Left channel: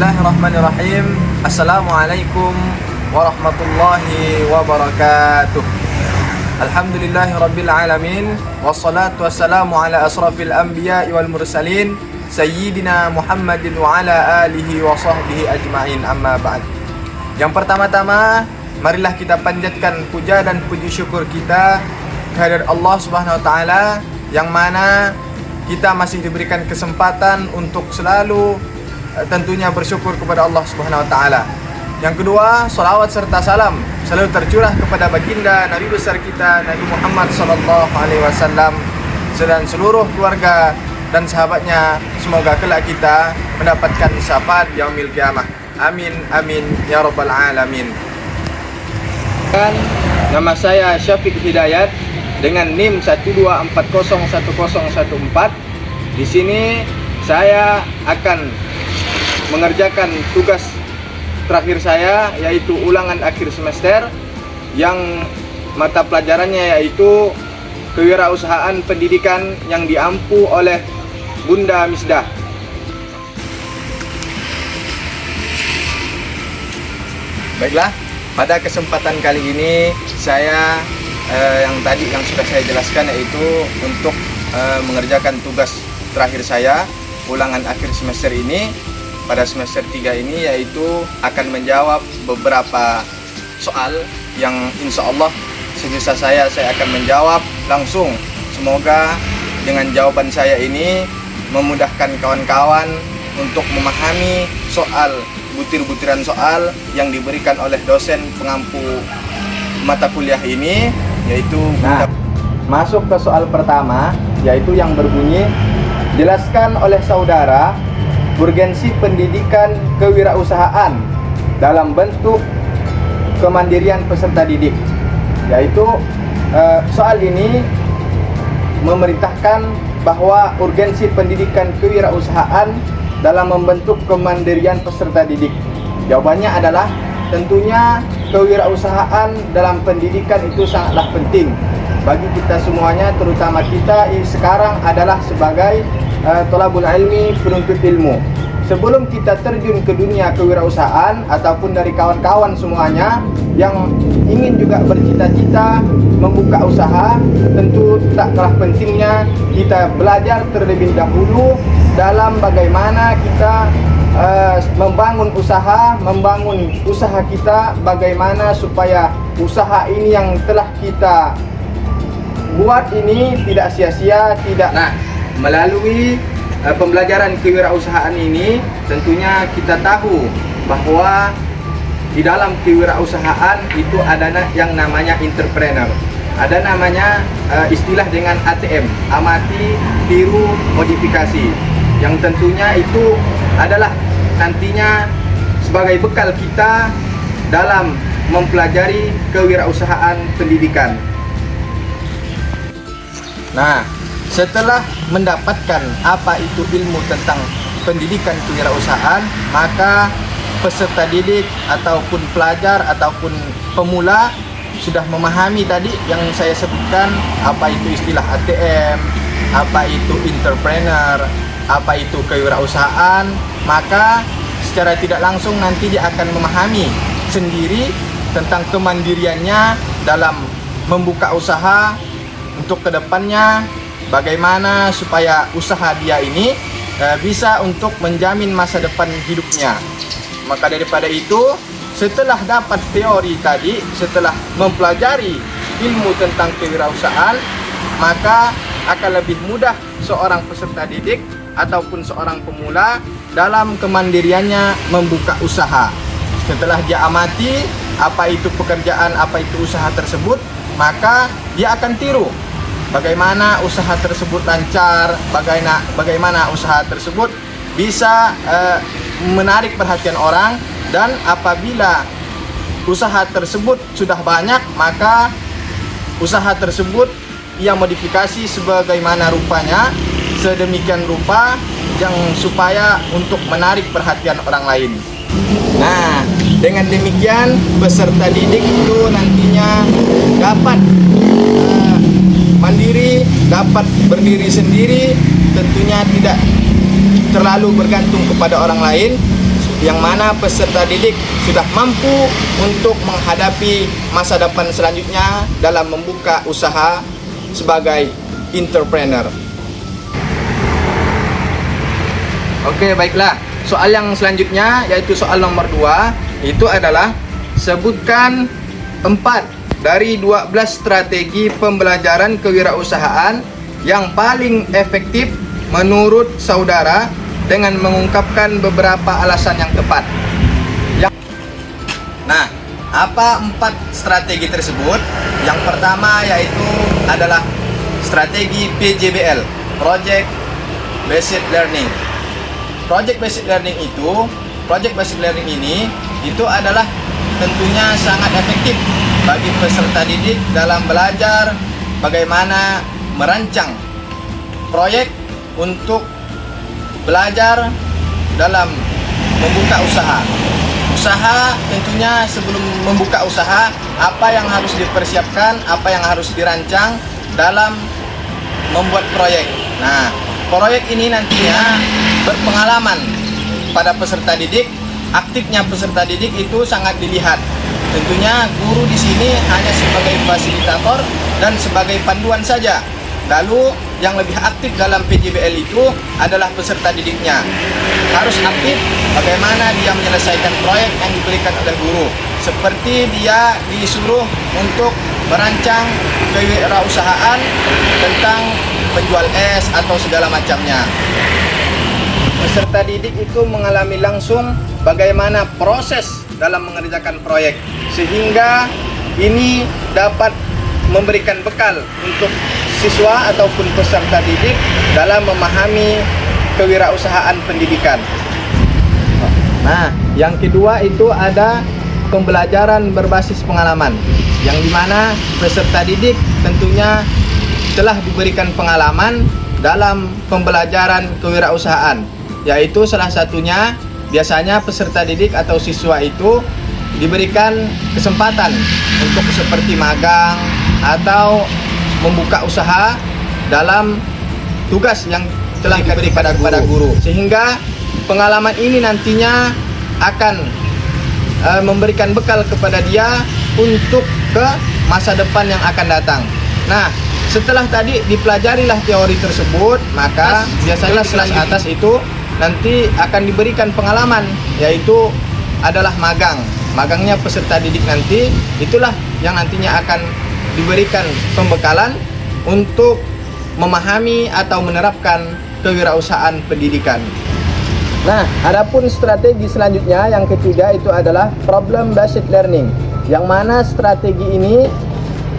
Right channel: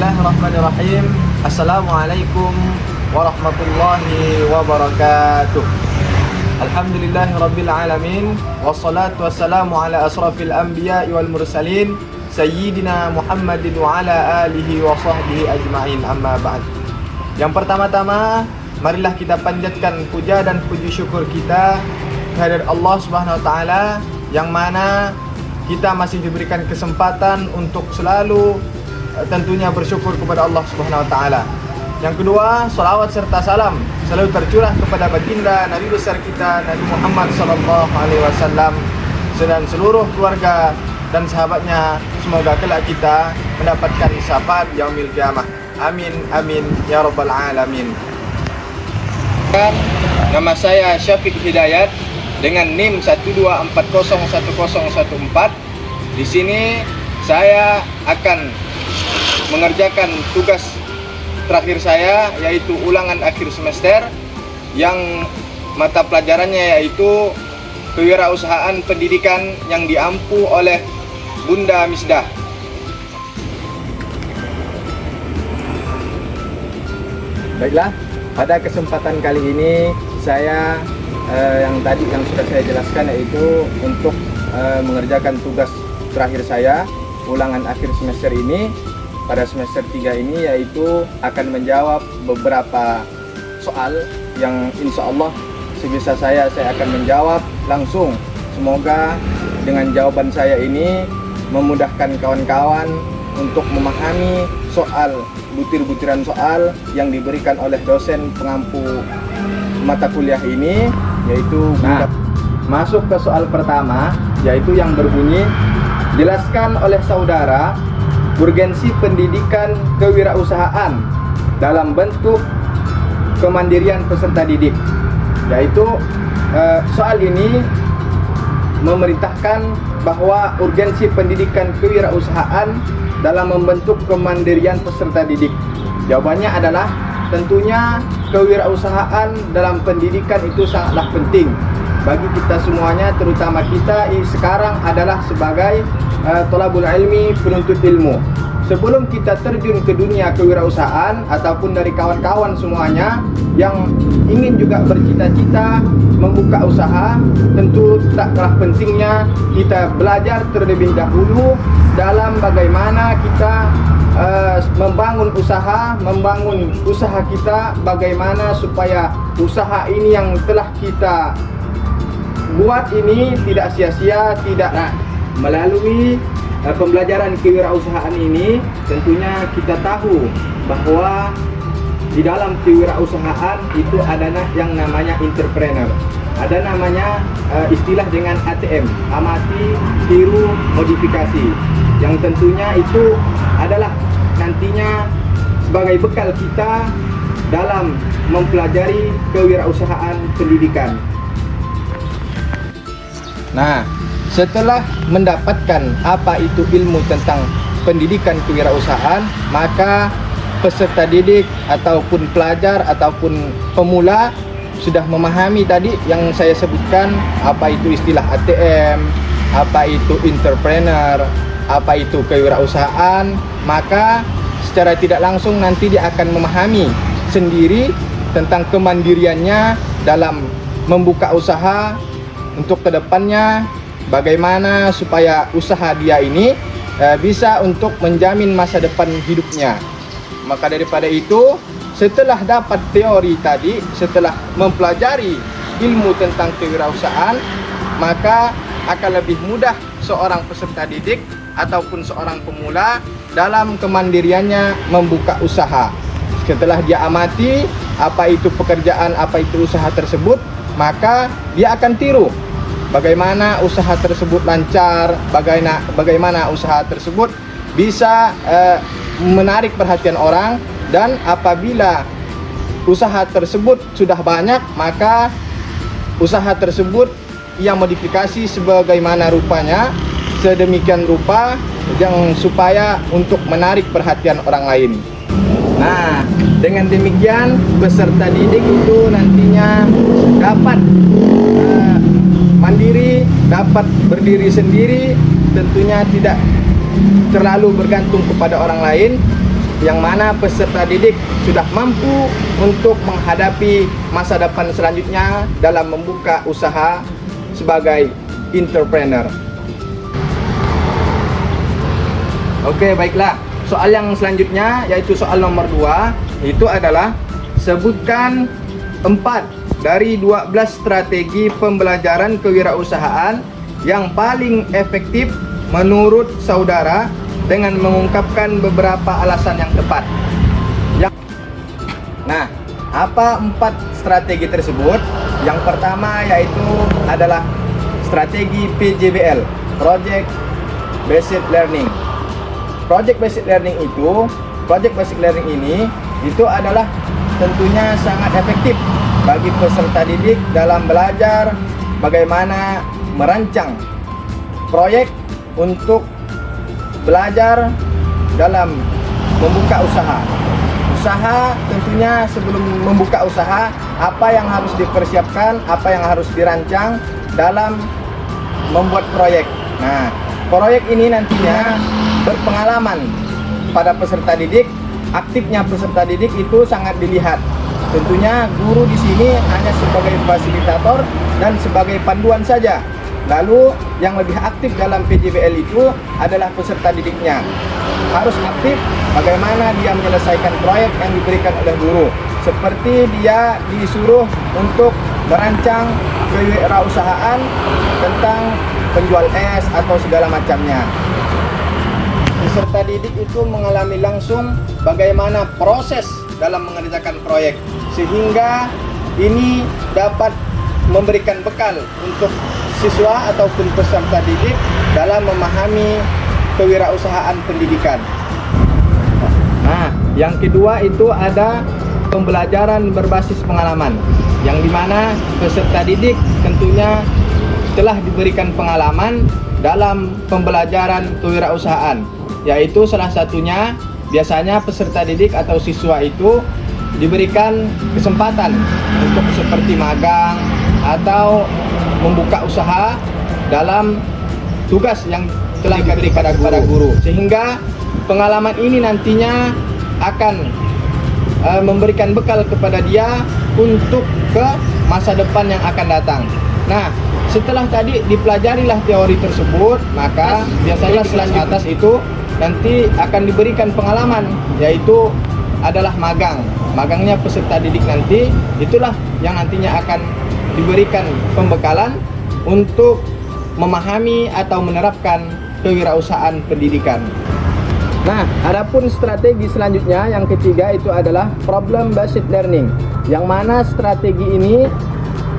Bismillahirrahmanirrahim. Assalamualaikum warahmatullahi wabarakatuh. Alhamdulillahirabbil alamin wassalatu wassalamu ala asrafil anbiya'i wal mursalin sayyidina Muhammadin wa ala alihi wa sahbihi ajma'in, amma ba'd. Yang pertama-tama, marilah kita panjatkan puja dan puji syukur kita kehadirat Allah Subhanahu wa taala, yang mana kita masih diberikan kesempatan untuk selalu tentunya bersyukur kepada Allah Subhanahu wa taala. Yang kedua, salawat serta salam selalu tercurah kepada baginda Nabi besar kita Nabi Muhammad sallallahu alaihi wasallam dan seluruh keluarga dan sahabatnya. Semoga kelak kita mendapatkan syafaat yaumil qiyamah. Amin amin ya rabbal alamin. Nama saya Syafiq Hidayat dengan NIM 1240114. Di sini saya akan mengerjakan tugas terakhir saya, yaitu ulangan akhir semester yang mata pelajarannya yaitu kewirausahaan pendidikan yang diampu oleh Bunda Misdah. Baiklah, pada kesempatan kali ini saya yang sudah saya jelaskan, yaitu untuk mengerjakan tugas terakhir saya ulangan akhir semester ini pada semester 3 ini, yaitu akan menjawab beberapa soal yang insya Allah sebisa saya akan menjawab langsung. Semoga dengan jawaban saya ini memudahkan kawan-kawan untuk memahami soal, butir-butiran soal yang diberikan oleh dosen pengampu mata kuliah ini, yaitu masuk ke soal pertama, yaitu yang berbunyi, jelaskan oleh saudara urgensi pendidikan kewirausahaan dalam bentuk kemandirian peserta didik. Yaitu soal ini memerintahkan bahwa urgensi pendidikan kewirausahaan dalam membentuk kemandirian peserta didik. Jawabannya adalah tentunya kewirausahaan dalam pendidikan itu sangatlah penting bagi kita semuanya, terutama kita sekarang adalah sebagai thalabul ilmi, penuntut ilmu. Sebelum kita terjun ke dunia kewirausahaan ataupun dari kawan-kawan semuanya yang ingin juga bercita-cita membuka usaha, tentu tak kalah pentingnya kita belajar terlebih dahulu dalam bagaimana kita membangun usaha kita, bagaimana supaya usaha ini yang telah kita buat ini tidak sia-sia, melalui pembelajaran kewirausahaan ini tentunya kita tahu bahwa di dalam kewirausahaan itu ada yang namanya entrepreneur, ada namanya istilah dengan ATM, amati, tiru, modifikasi, yang tentunya itu adalah nantinya sebagai bekal kita dalam mempelajari kewirausahaan pendidikan. Nah, setelah mendapatkan apa itu ilmu tentang pendidikan kewirausahaan, maka peserta didik ataupun pelajar ataupun pemula sudah memahami tadi yang saya sebutkan, apa itu istilah ATM, apa itu entrepreneur, apa itu kewirausahaan, maka secara tidak langsung nanti dia akan memahami sendiri tentang kemandiriannya dalam membuka usaha untuk kedepannya, bagaimana supaya usaha dia ini bisa untuk menjamin masa depan hidupnya. Maka daripada itu, setelah dapat teori tadi, setelah mempelajari ilmu tentang kewirausahaan, maka akan lebih mudah seorang peserta didik ataupun seorang pemula dalam kemandiriannya membuka usaha. Setelah dia amati apa itu pekerjaan, apa itu usaha tersebut, maka dia akan tiru bagaimana usaha tersebut lancar, bagaimana usaha tersebut bisa menarik perhatian orang, dan apabila usaha tersebut sudah banyak, maka usaha tersebut ia modifikasi sebagaimana rupanya, sedemikian rupa yang supaya untuk menarik perhatian orang lain. Nah, dengan demikian peserta didik itu nantinya dapat mandiri, dapat berdiri sendiri, tentunya tidak terlalu bergantung kepada orang lain, yang mana peserta didik sudah mampu untuk menghadapi masa depan selanjutnya dalam membuka usaha sebagai entrepreneur. Oke, baiklah. Soal yang selanjutnya yaitu soal nomor 2, itu adalah sebutkan 4 dari 12 strategi pembelajaran kewirausahaan yang paling efektif menurut saudara dengan mengungkapkan beberapa alasan yang tepat. Nah, apa 4 strategi tersebut? Yang pertama yaitu adalah strategi PJBL, Project Based Learning. Project Based Learning ini itu adalah tentunya sangat efektif bagi peserta didik dalam belajar bagaimana merancang proyek untuk belajar dalam membuka usaha. Usaha tentunya sebelum membuka usaha, apa yang harus dipersiapkan, apa yang harus dirancang dalam membuat proyek. Nah, proyek ini nantinya berpengalaman pada peserta didik. Aktifnya peserta didik itu sangat dilihat. Tentunya guru di sini hanya sebagai fasilitator dan sebagai panduan saja. Lalu yang lebih aktif dalam PJBL itu adalah peserta didiknya. Harus aktif bagaimana dia menyelesaikan proyek yang diberikan oleh guru. Seperti dia disuruh untuk merancang kewirausahaan tentang penjual es atau segala macamnya. Peserta didik itu mengalami langsung bagaimana proses dalam mengerjakan proyek, sehingga ini dapat memberikan bekal untuk siswa ataupun peserta didik dalam memahami kewirausahaan pendidikan. Nah, yang kedua itu ada pembelajaran berbasis pengalaman, yang dimana peserta didik tentunya telah diberikan pengalaman dalam pembelajaran kewirausahaan, yaitu salah satunya biasanya peserta didik atau siswa itu diberikan kesempatan untuk seperti magang atau membuka usaha dalam tugas yang telah diberikan kepada guru, sehingga pengalaman ini nantinya akan memberikan bekal kepada dia untuk ke masa depan yang akan datang. Nah, setelah tadi dipelajarilah teori tersebut, maka biasanya kelas atas itu nanti akan diberikan pengalaman, yaitu adalah magang. Magangnya peserta didik nanti itulah yang nantinya akan diberikan pembekalan untuk memahami atau menerapkan kewirausahaan pendidikan. Nah, adapun strategi selanjutnya yang ketiga itu adalah problem based learning, yang mana strategi ini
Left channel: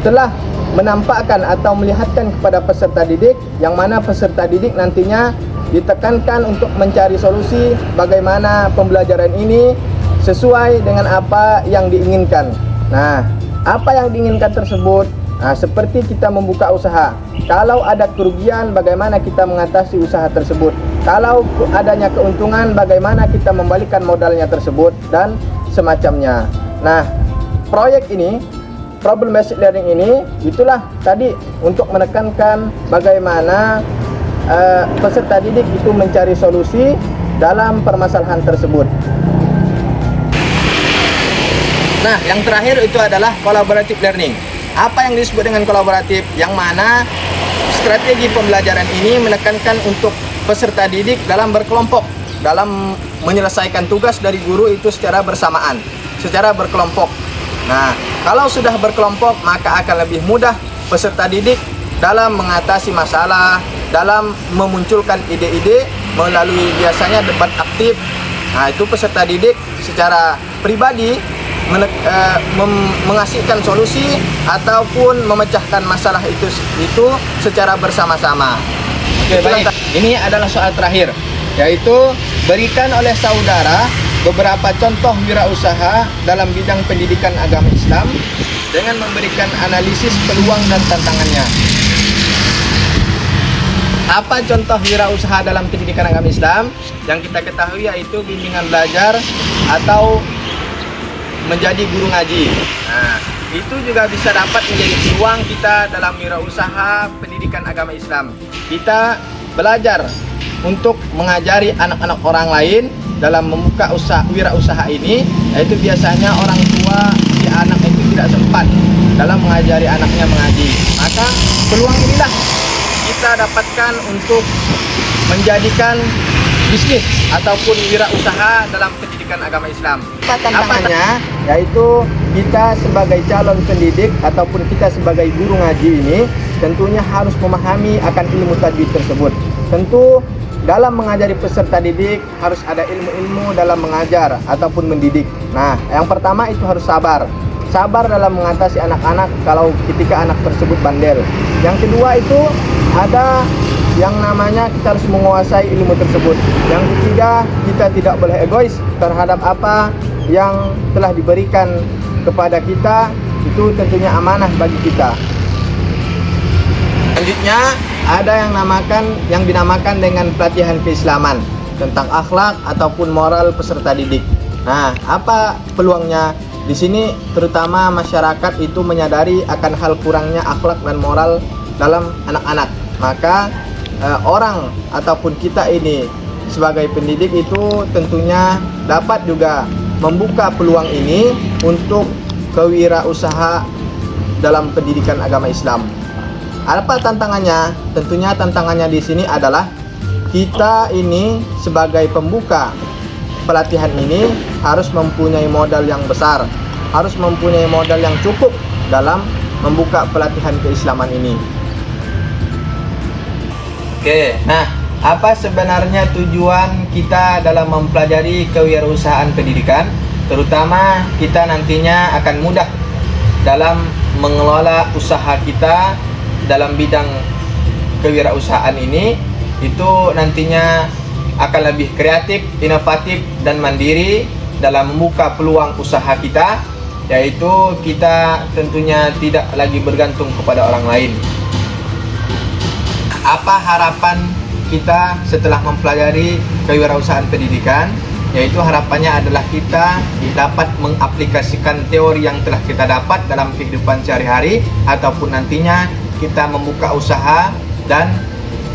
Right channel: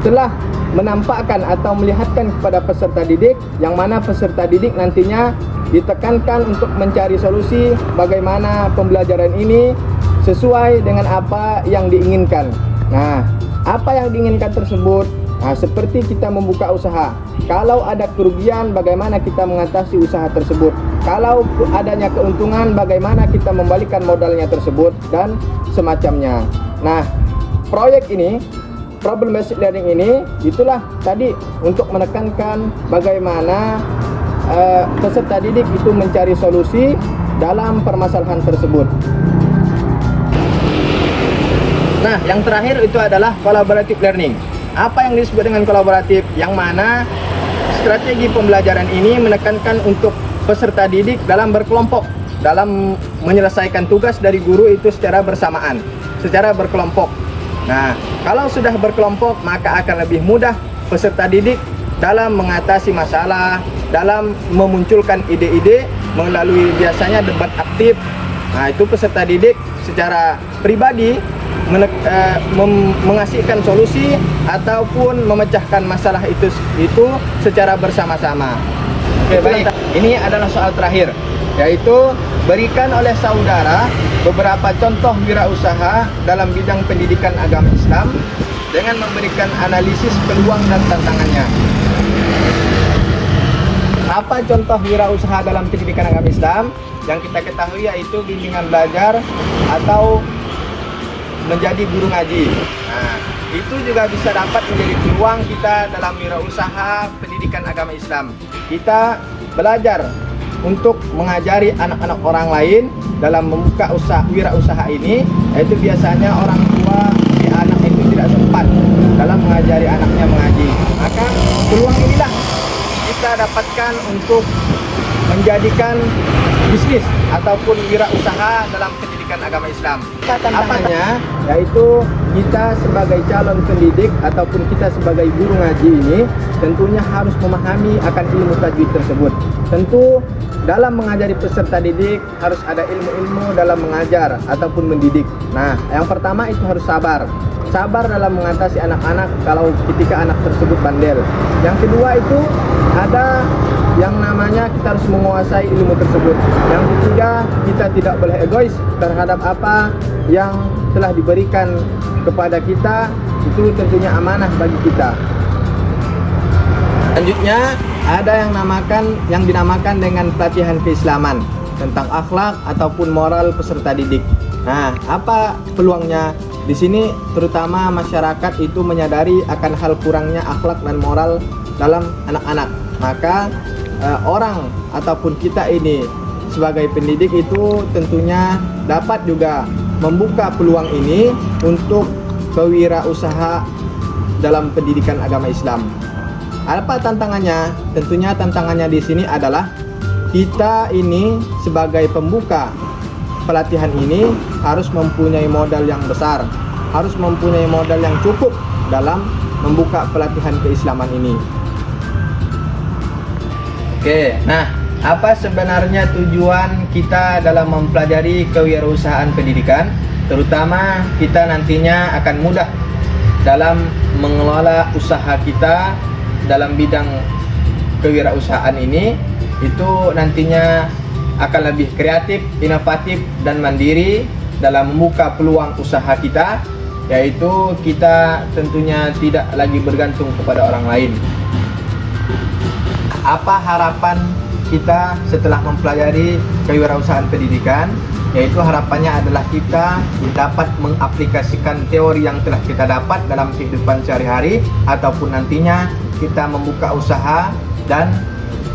telah menampakkan atau melihatkan kepada peserta didik, yang mana peserta didik nantinya ditekankan untuk mencari solusi bagaimana pembelajaran ini sesuai dengan apa yang diinginkan. Nah, apa yang diinginkan tersebut? Nah, seperti kita membuka usaha. Kalau ada kerugian, bagaimana kita mengatasi usaha tersebut? Kalau adanya keuntungan, bagaimana kita membalikan modalnya tersebut dan semacamnya. Nah, proyek ini, problem based learning ini, itulah tadi untuk menekankan bagaimana peserta didik itu mencari solusi dalam permasalahan tersebut. Nah, yang terakhir itu adalah collaborative learning. Apa yang disebut dengan kolaboratif? Yang mana strategi pembelajaran ini menekankan untuk peserta didik dalam berkelompok, dalam menyelesaikan tugas dari guru itu secara bersamaan, secara berkelompok. Nah, kalau sudah berkelompok, maka akan lebih mudah peserta didik dalam mengatasi masalah, dalam memunculkan ide-ide melalui biasanya debat aktif. Nah, itu peserta didik secara pribadi mengasihkan solusi ataupun memecahkan masalah itu secara bersama-sama. Oke, baik. Ini adalah soal terakhir, yaitu berikan oleh saudara beberapa contoh wirausaha dalam bidang pendidikan agama Islam dengan memberikan analisis peluang dan tantangannya. Apa contoh wirausaha dalam pendidikan agama Islam? Yang kita ketahui yaitu bimbingan belajar atau menjadi guru ngaji. Nah, itu juga bisa dapat menjadi peluang kita dalam wirausaha pendidikan agama Islam. Kita belajar untuk mengajari anak-anak orang lain dalam membuka wirausaha ini, yaitu biasanya orang tua si anak itu tidak sempat dalam mengajari anaknya mengaji. Maka peluang inilah kita dapatkan untuk menjadikan bisnis ataupun wirausaha dalam pendidikan agama Islam. Apanya? Yaitu kita sebagai calon pendidik ataupun kita sebagai guru ngaji ini tentunya harus memahami akan ilmu tajwid tersebut. Tentu dalam mengajari peserta didik harus ada ilmu-ilmu dalam mengajar ataupun mendidik. Nah, yang pertama itu harus sabar. Sabar dalam mengatasi anak-anak kalau ketika anak tersebut bandel. Yang kedua itu ada yang namanya kita harus menguasai ilmu tersebut. Yang ketiga, kita tidak boleh egois terhadap apa yang telah diberikan kepada kita, itu tentunya amanah bagi kita. Selanjutnya ada yang dinamakan dengan pelatihan keislaman tentang akhlak ataupun moral peserta didik. Nah, apa peluangnya? Di sini terutama masyarakat itu menyadari akan hal kurangnya akhlak dan moral dalam anak-anak. Maka orang ataupun kita ini sebagai pendidik itu tentunya dapat juga membuka peluang ini untuk kewirausaha dalam pendidikan agama Islam. Apa tantangannya? Tentunya tantangannya di sini adalah kita ini sebagai pembuka pelatihan ini harus mempunyai modal yang besar, harus mempunyai modal yang cukup dalam membuka pelatihan keislaman ini. Oke, nah apa sebenarnya tujuan kita dalam mempelajari kewirausahaan pendidikan? Terutama kita nantinya akan mudah dalam mengelola usaha kita dalam bidang kewirausahaan ini, itu nantinya akan lebih kreatif, inovatif, dan mandiri dalam membuka peluang usaha kita, yaitu kita tentunya tidak lagi bergantung kepada orang lain. Apa harapan kita setelah mempelajari kewirausahaan pendidikan? Yaitu harapannya adalah kita dapat mengaplikasikan teori yang telah kita dapat dalam kehidupan sehari-hari, ataupun nantinya kita membuka usaha dan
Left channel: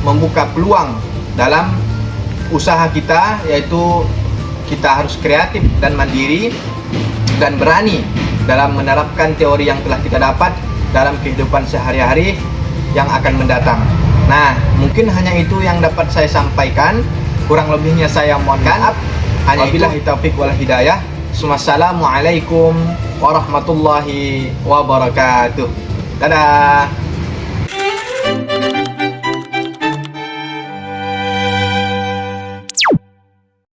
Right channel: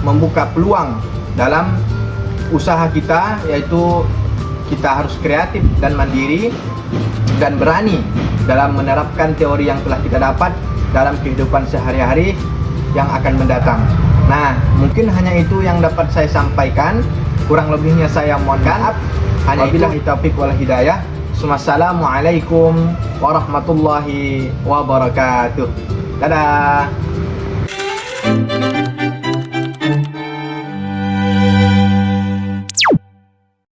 membuka peluang dalam usaha kita, yaitu kita harus kreatif dan mandiri dan berani dalam menerapkan teori yang telah kita dapat dalam kehidupan sehari-hari yang akan mendatang. Nah, mungkin hanya itu yang dapat saya sampaikan. Kurang lebihnya saya mohon maaf. Hanya billahi taufiq wal hidayah. Wassalamualaikum warahmatullahi wabarakatuh. Dadah.